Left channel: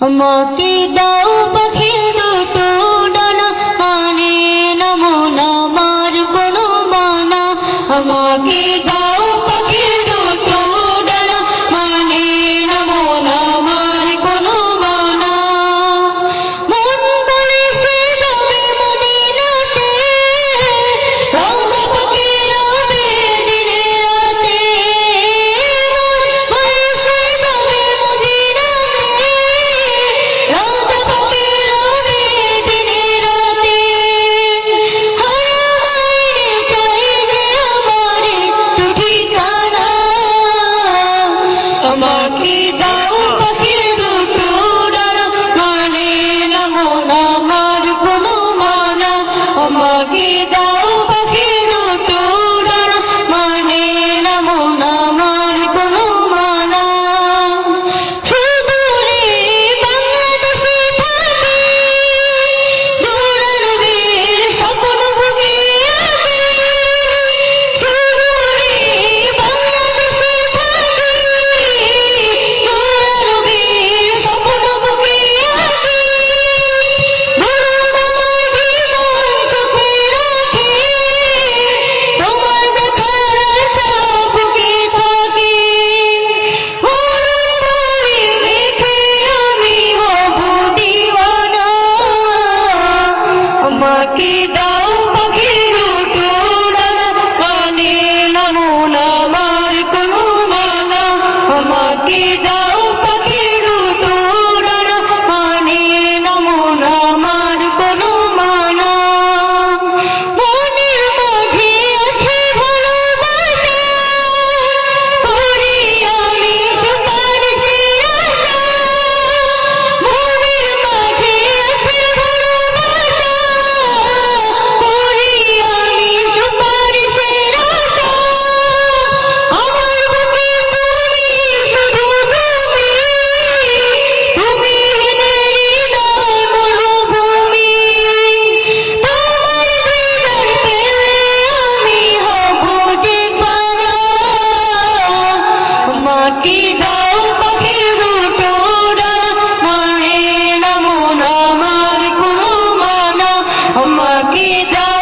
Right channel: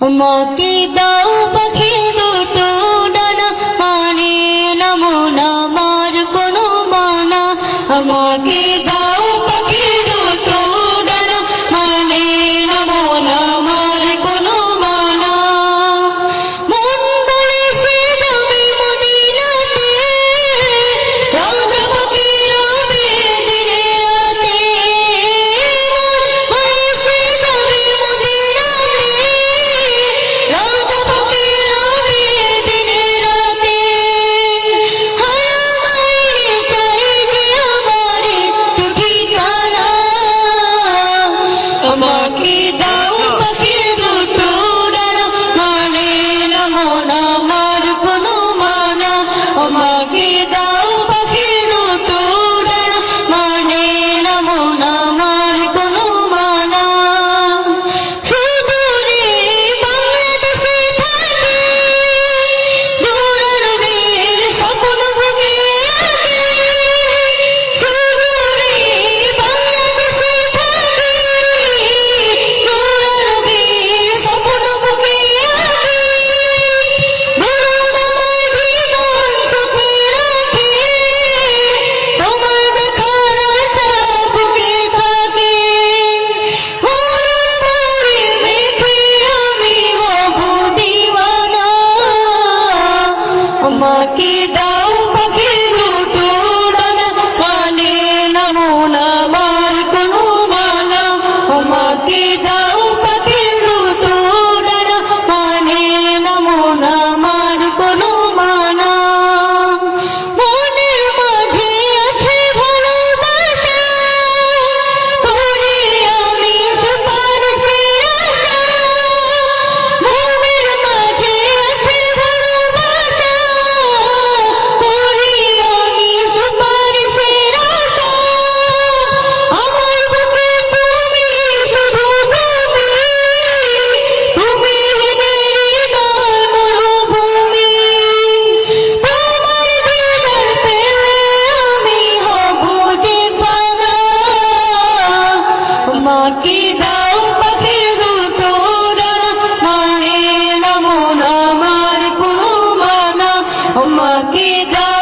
মকে দাও পাখির দুটো ডানা মানে নমুনা মার কোনো মানা। আমাকে দাও আমাকে দা